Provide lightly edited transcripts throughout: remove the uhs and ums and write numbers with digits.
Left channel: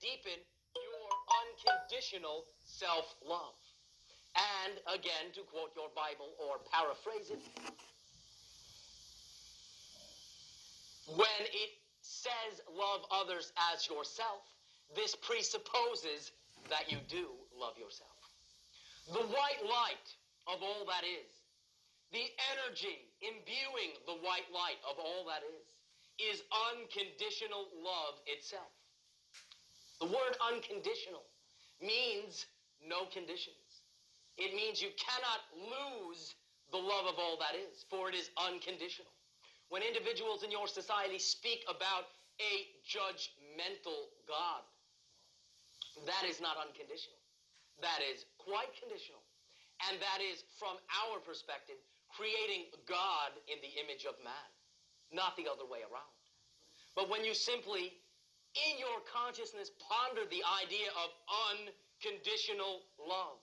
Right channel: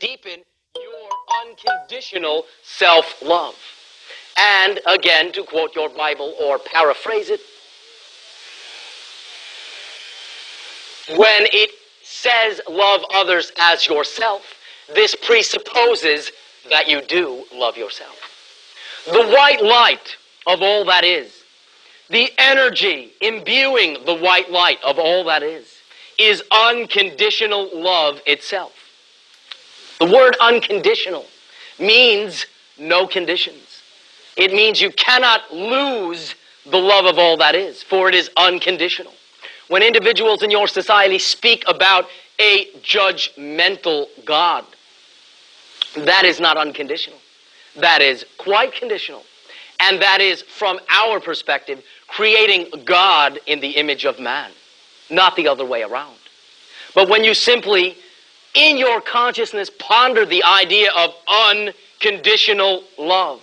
deepen your unconditional self-love. And again, to quote your Bible or paraphrase it, when it says love others as yourself, this presupposes that you do love yourself. The white light of all that is, the energy imbuing the white light of all that is unconditional love itself. The word unconditional means no conditions. It means you cannot lose the love of all that is, for it is unconditional. When individuals in your society speak about a judgmental God, that is not unconditional. That is quite conditional. And that is, from our perspective, creating God in the image of man, not the other way around. But when you simply, in your consciousness, ponder the idea of unconditional love,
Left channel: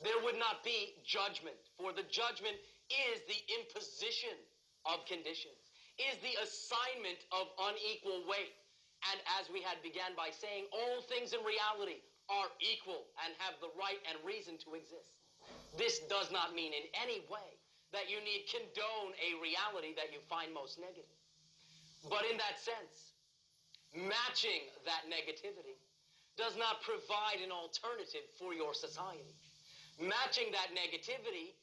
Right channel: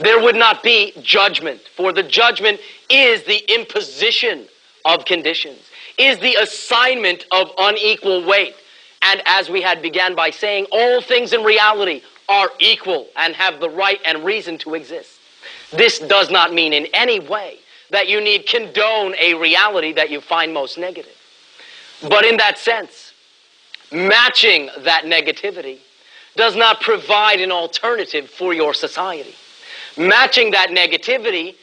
there would not be judgment, for the judgment is the imposition of conditions, is the assignment of unequal weight. And as we had began by saying, all things in reality are equal and have the right and reason to exist. This does not mean in any way that you need condone a reality that you find most negative. But in that sense, matching that negativity does not provide an alternative for your society. Matching that negativity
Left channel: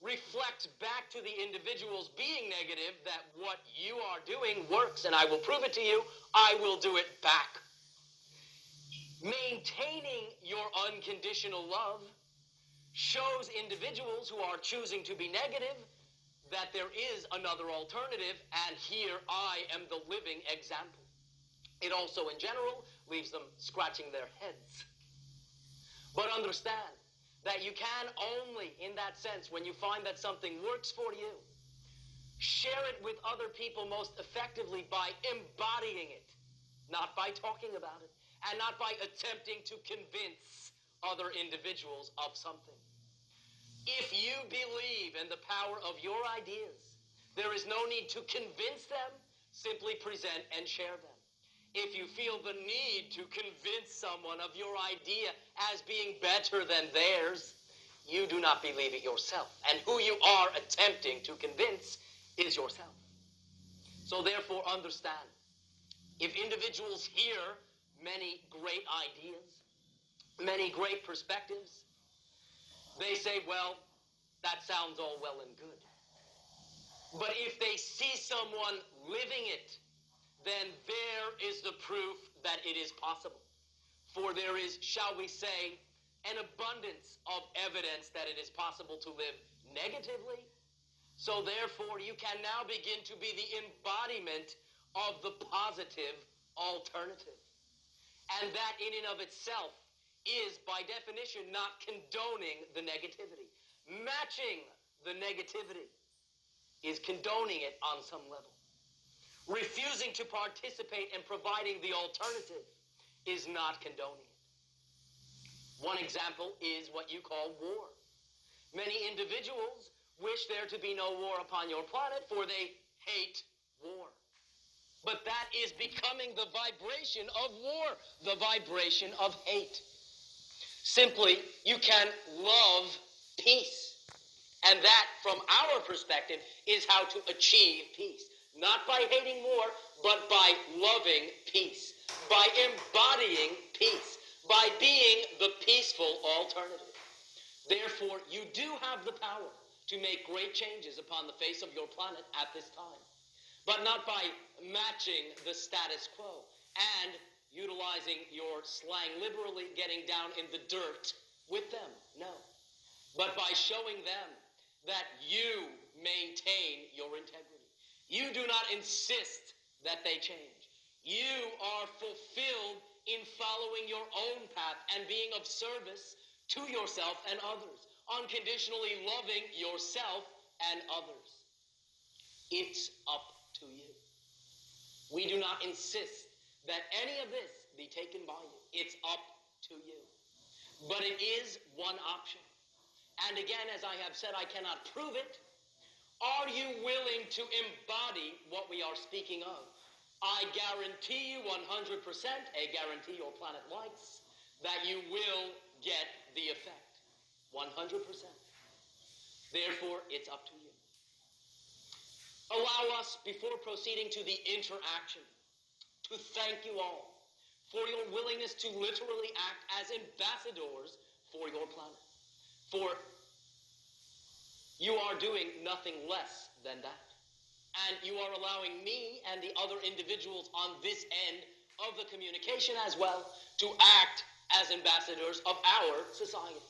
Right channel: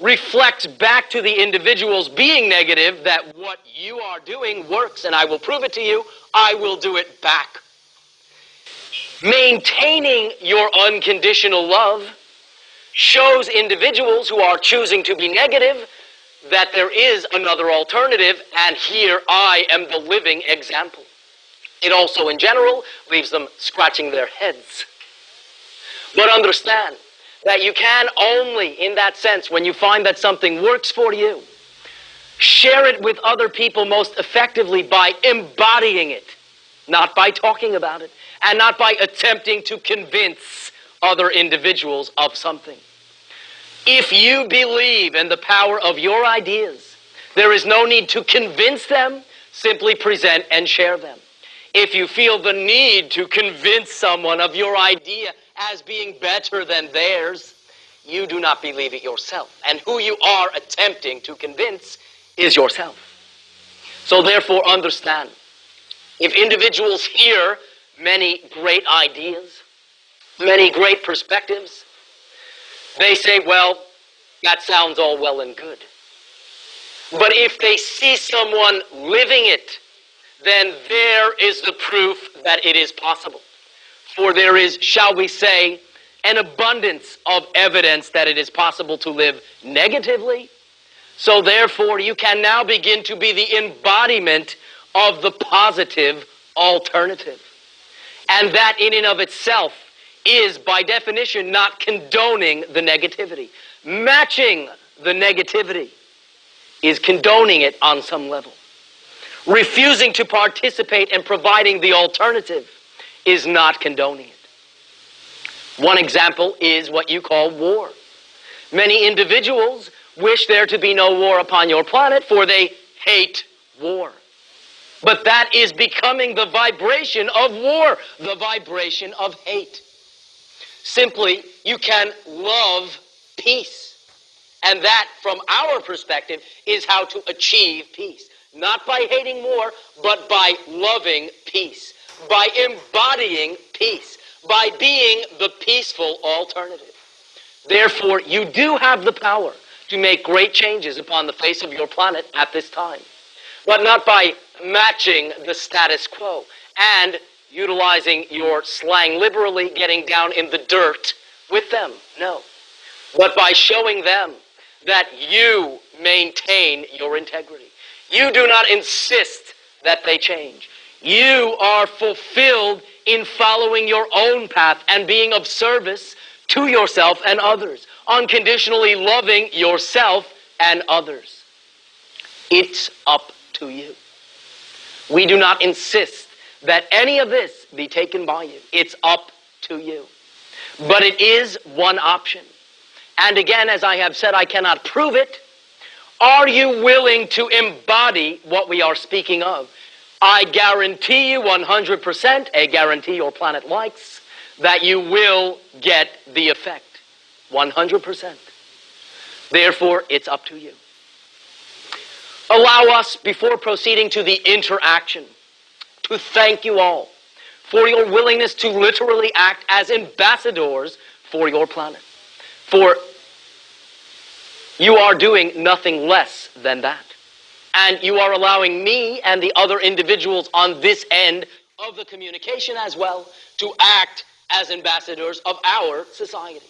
reflects back to the individuals being negative that what you are doing works, and I will prove it to you, I will do it back. Maintaining your unconditional love shows individuals who are choosing to be negative that there is another alternative, and here I am the living example. It also, in general, leaves them scratching their heads. But understand that you can only, in that sense, when you find that something works for you, share it with other people most effectively by embodying it, not by talking about it, and not by attempting to convince other individuals of something. If you believe in the power of your ideas, there is no need to convince them, simply present and share them. If you feel the need to convince someone of your idea as being better than theirs, you do not believe it yourself. And who you are attempting to convince is yourself. So therefore understand, if individuals hear many great ideas, many great perspectives, they say, well, that sounds all well and good. But if they see someone living it, then there is the proof that it is possible. For there is, shall we say, an abundance of evidence that it is possible to live negatively. So therefore, you can now begin to be the embodiment of the positive alternative. And that in and of itself is, by definition, not condoning the negativity. Matching the negativity is condoning it on some level. Refusing to participate in providing the alternative is not condoning it. One example is what you call war. Many individuals wish there to be no war upon your planet, for they hate war. But that is becoming the vibration of war, the vibration of hate. Simply, you can love peace. And that, from our perspective, is how to achieve peace. Not by hating war, but by loving peace. By embodying peace. By being the peaceful alternative. Therefore, you do have the power to make great changes upon the face of your planet at this time. But not by matching the status quo and utilizing your slang liberally, getting down in the dirt with them. No. But by showing them that you maintain your integrity. You do not insist that they change. You are fulfilled in following your own path and being of service to yourself and others, unconditionally loving yourself and others. It's up to you. We do not insist that any of this be taken by you. It's up to you. But it is one option. And again, as I have said, I cannot prove it. Are you willing to embody what we are speaking of? I guarantee you 100%, a guarantee your planet likes, that you will get the effect. 100%. Therefore, it's up to you. Allow us, before proceeding to the interaction, to thank you all for your willingness to literally act as ambassadors for your planet. For you are doing nothing less than that. And you are allowing me and the other individuals on this end of the communication as well to act as ambassadors of our society.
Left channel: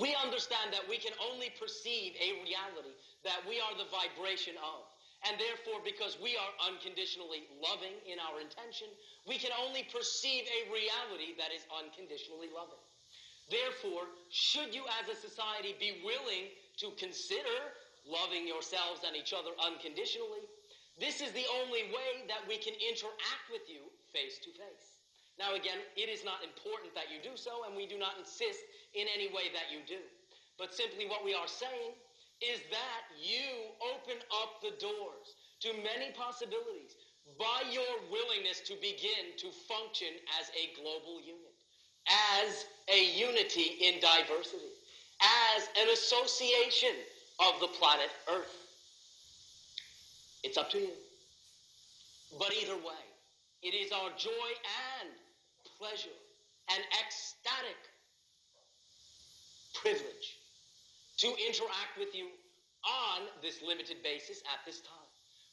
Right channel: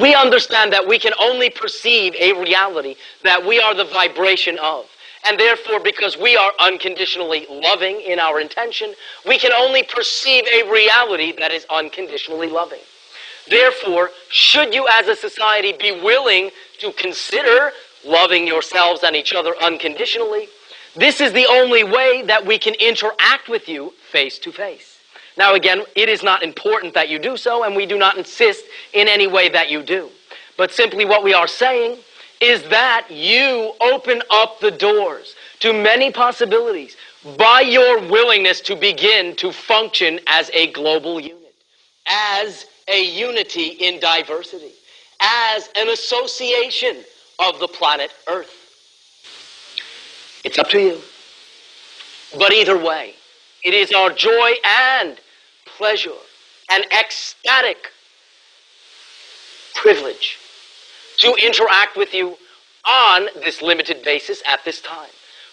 We understand that we can only perceive a reality that we are the vibration of. And therefore, because we are unconditionally loving in our intention, we can only perceive a reality that is unconditionally loving. Therefore, should you as a society be willing to consider loving yourselves and each other unconditionally, this is the only way that we can interact with you face to face. Now again, it is not important that you do so, and we do not insist in any way that you do. But simply what we are saying is that you open up the doors to many possibilities by your willingness to begin to function as a global unit, as a unity in diversity, as an association of the planet Earth. It's up to you. But either way, it is our joy and pleasure and ecstatic privilege to interact with you on this limited basis at this time.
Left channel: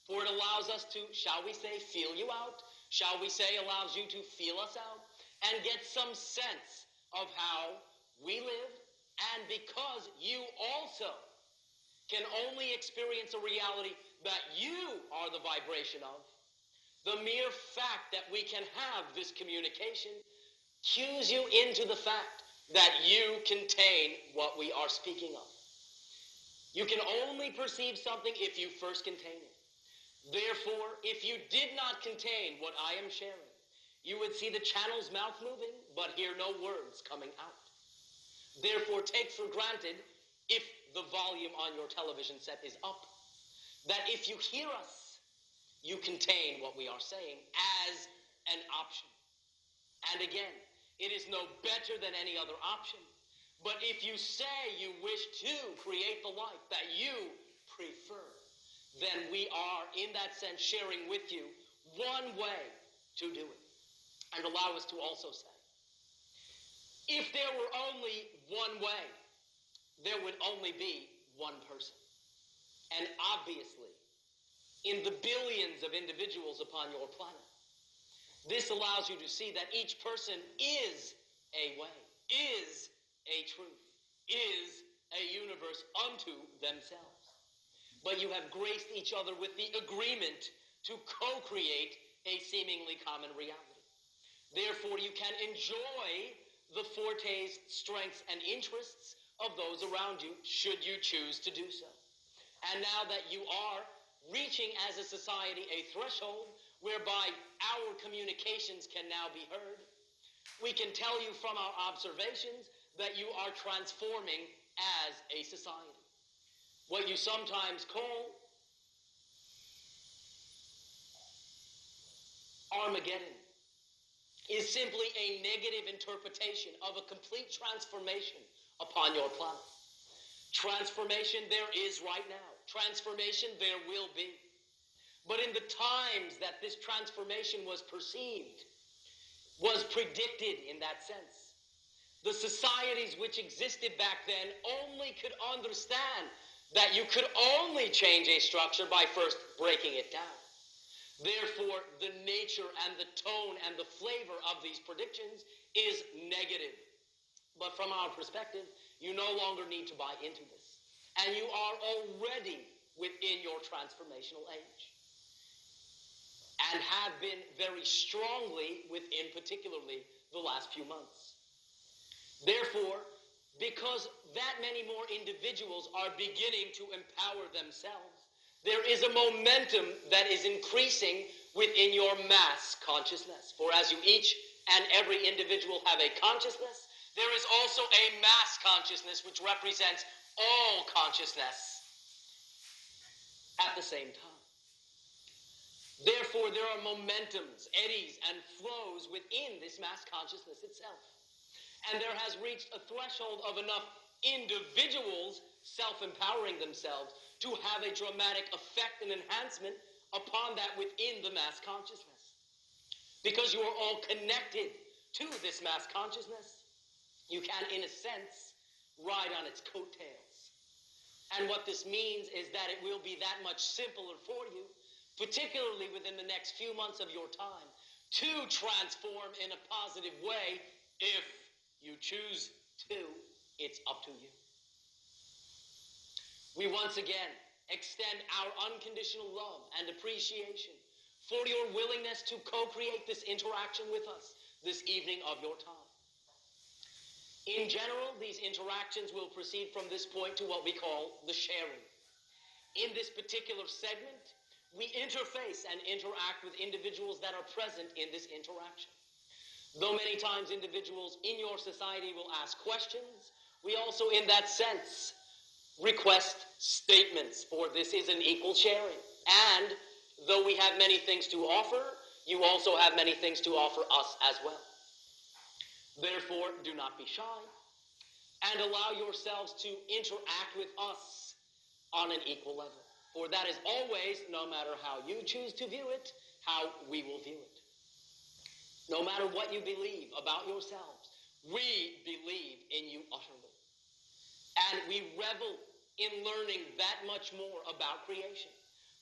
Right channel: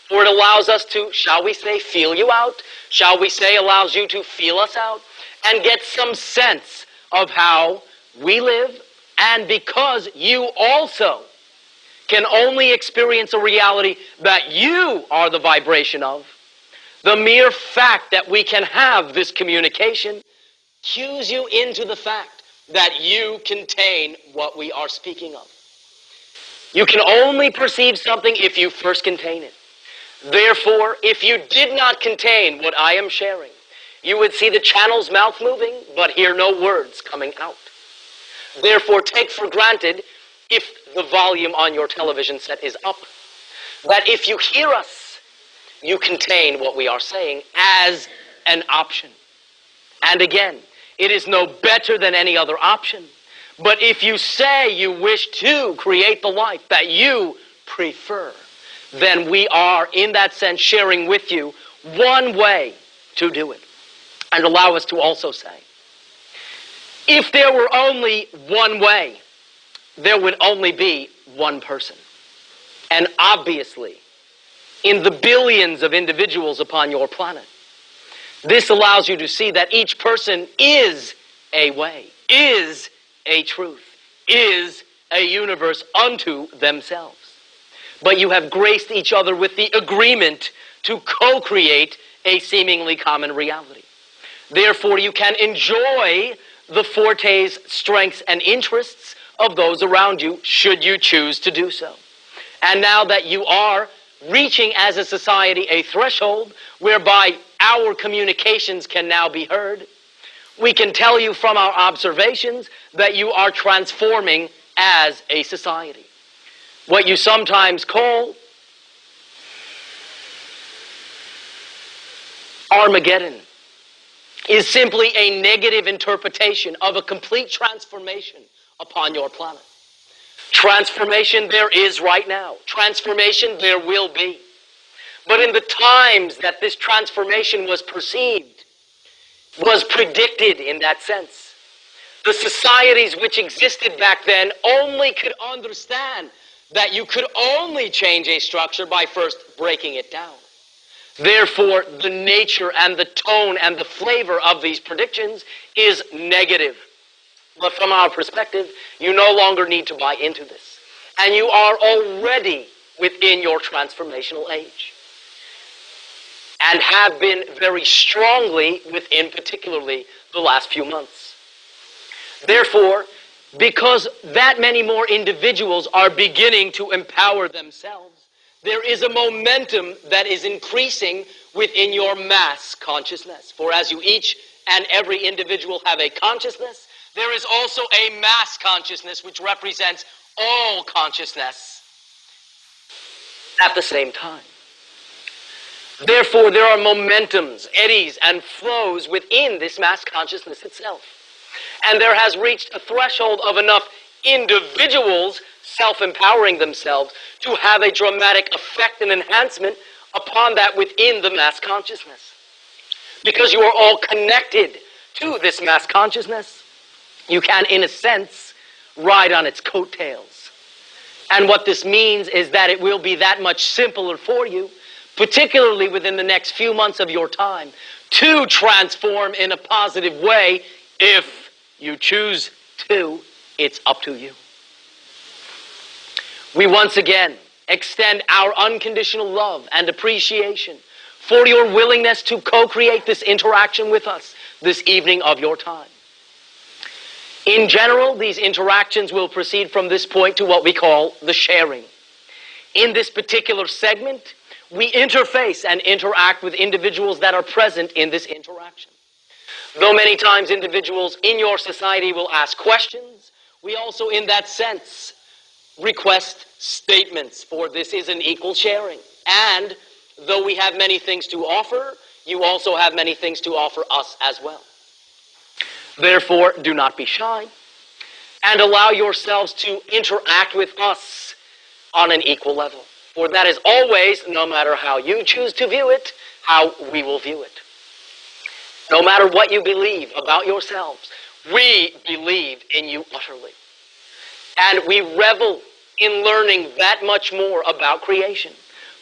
For it allows us to, shall we say, feel you out, shall we say, allows you to feel us out, and get some sense of how we live, and because you also can only experience a reality that you are the vibration of, the mere fact that we can have this communication cues you into the fact that you contain what we are speaking of. You can only perceive something if you first contain it. Therefore, if you did not contain what I am sharing, you would see the channel's mouth moving, but hear no words coming out. Therefore, take for granted, if the volume on your television set is up, that if you hear us, you contain what we are saying as an option. And again, it is no better than any other option. But if you say you wish to create the life that you prefer, then we are, in that sense, sharing with you one way to do it. And allow us to also say, if there were only one way, there would only be one person. And obviously, in the billions of individuals upon your planet, this allows you to see that each person is a way, is a truth, is a universe unto themselves. But you have graced each other with the agreement to co-create a seemingly common reality. Therefore, you can enjoy the fortes, strengths, and interests of those around you, should you choose to do so. And now that you are reaching as a society a threshold whereby our communications can now be heard, we can tell you from our observations that you are transforming as a society. What you sometimes call Armageddon is simply a negative interpretation of a complete transformation upon your planet. Transformation there is right now. Transformation there will be. But in the times that this transformation was perceived, was predicted in that sense, the societies which existed back then only could understand that you could only change a structure by first breaking it down. Therefore, the nature and the tone and the flavor of these predictions is negative. But from our perspective, you no longer need to buy into this. And you are already within your transformational age. And have been very strongly within particularly the last few months. Therefore, because that many more individuals are beginning to empower themselves, there is a momentum that is increasing within your mass consciousness. For as you each and every individual have a consciousness, there is also a mass consciousness which represents all consciousness at the same time. Therefore, there are momentums, eddies, and flows within this mass consciousness itself. And there has reached a threshold of enough individuals self-empowering themselves to have a dramatic effect and enhancement upon that within the mass consciousness. Because you are all connected to this mass consciousness, you can, in a sense, ride on its coattails. And what this means is that it will be that much simpler for you, particularly within the next few months of your time, to transform in a positive way. If you choose to, it's up to you. We once again extend our unconditional love and appreciation for your willingness to co-create this interaction with us this evening of your time. In general, these interactions will proceed from this point to what we call the sharing. In this particular segment, we interface and interact with individuals that are present in this interaction. Though many times individuals in your society will ask questions, we also, in that sense, request statements, for this is an equal sharing. And though we have many things to offer, you also have many things to offer us as well. Therefore, do not be shy, and allow yourselves to interact with us on an equal level. For that is always, no matter how you choose to view it, how we will view it. No matter what you believe about yourselves, we believe in you utterly. And we revel in learning that much more about creation.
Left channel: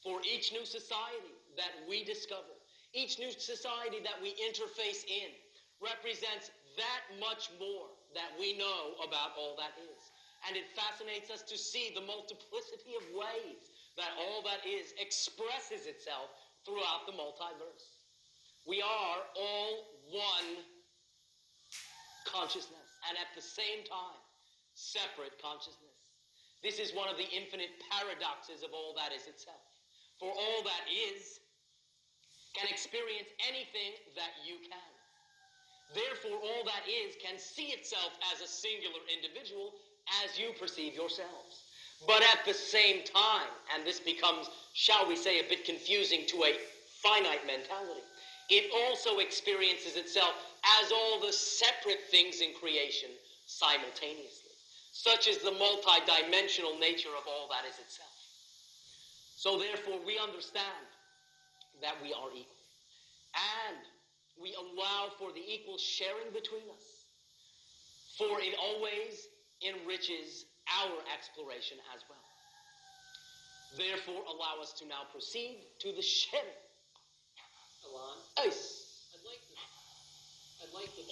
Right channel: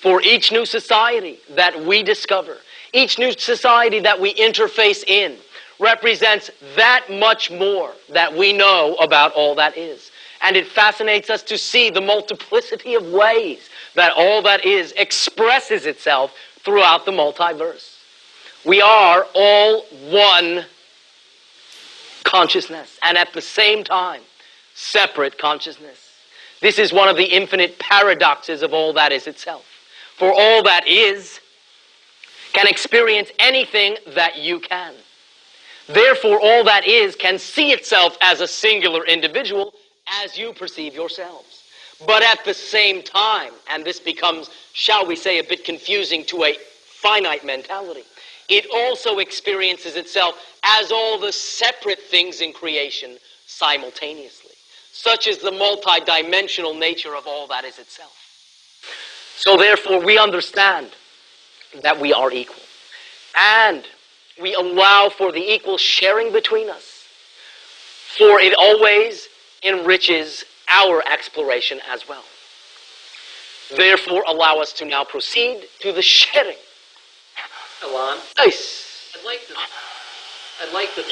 For each new society that we discover, each new society that we interface in, represents that much more that we know about all that is. And it fascinates us to see the multiplicity of ways that all that is expresses itself throughout the multiverse. We are all one consciousness, and at the same time, separate consciousness. This is one of the infinite paradoxes of all that is itself. For all that is can experience anything that you can. Therefore, all that is can see itself as a singular individual as you perceive yourselves. But at the same time, and this becomes, shall we say, a bit confusing to a finite mentality, it also experiences itself as all the separate things in creation simultaneously. Such is the multidimensional nature of all that is itself. So therefore, we understand that we are equal. And we allow for the equal sharing between us, for it always enriches our exploration as well. Therefore, allow us to now proceed to the sharing. Ilan, Nice. I'd like to